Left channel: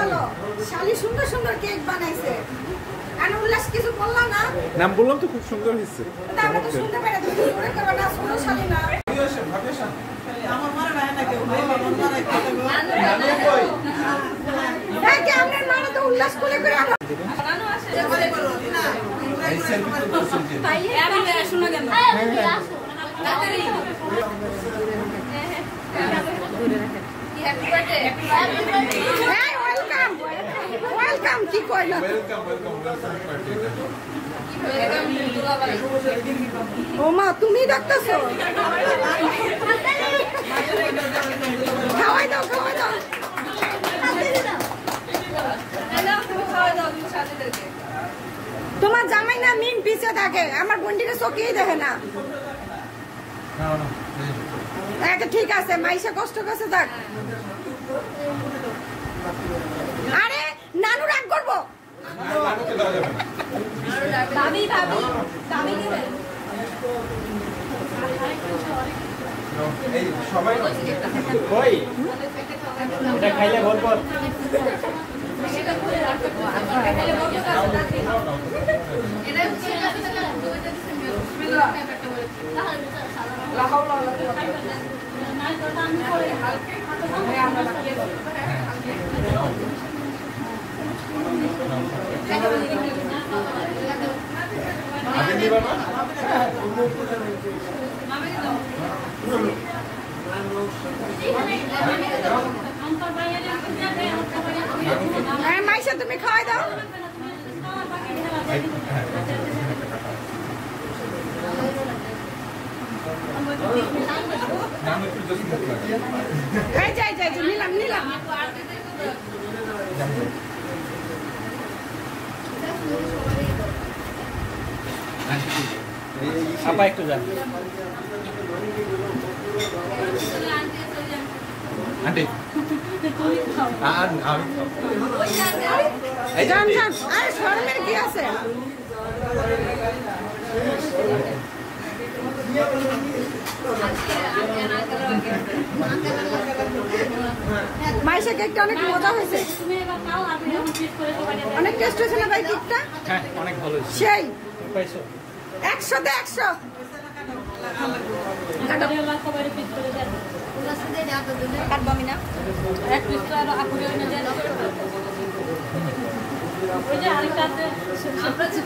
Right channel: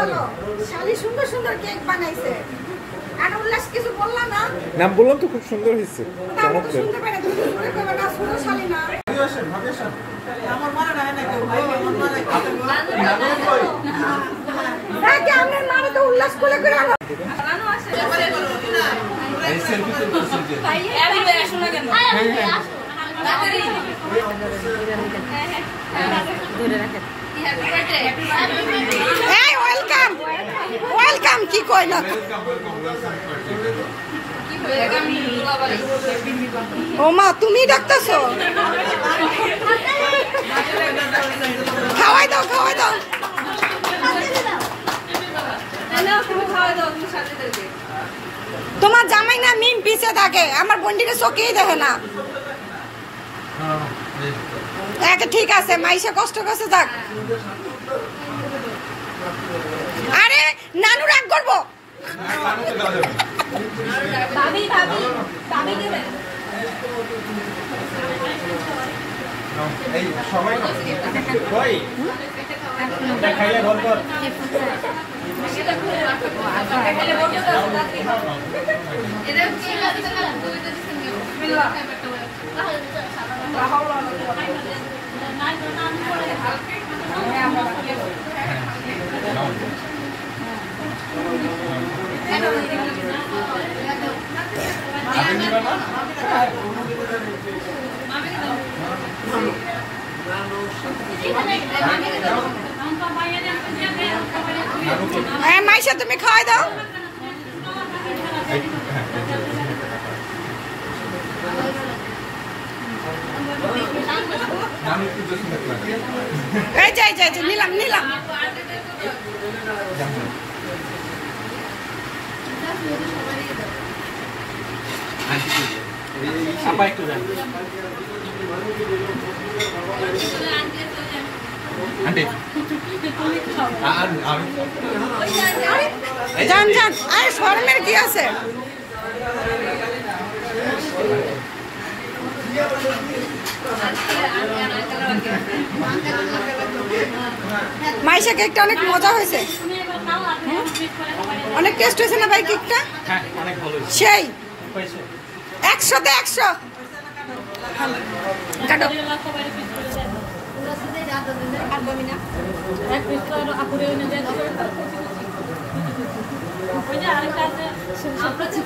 বলো শালি সুন্দর সুন্দর কেক বানাইছে আর উল্লাস কিছু বললা না নাম বললাম তো খুব সুন্দর হয়েছে আমরা তো শুনতে পারি তুমি জোরে করবে না শুনো শালি না আমার মনে নাই না কেউ ভাই আমার মনে নাই দেখে আপনার মানে তো উল্লাস করে করে আনো রানু আসে না এই সেলফি তুলছি ভাই আমি শোনা কেন তাড়াতাড়ি দূরে রাখেন এই ওয়েলকাম ওয়েলকাম কি কইলা ও মা তুমি ডাকতেছো খাওয়াই দাও তোমার জামাই না মিম পিছে থাকে আমার বন্ডিকে চোখেই দেখে না ঠিক আছে মাইশা কষ্ট করছে থাক আরে নানু রাগ করবো মাইশা তুমি খাওয়াই দাও নিলাম আপা একটু যান আন্টি যান আরে শরমের কি আছে মাইশা কেকটা অনেক মজা হয়েছে অনেক টেস্ট হয়েছে না ভাই কেকটা সেই 100-তে 100 আরেকটা আছে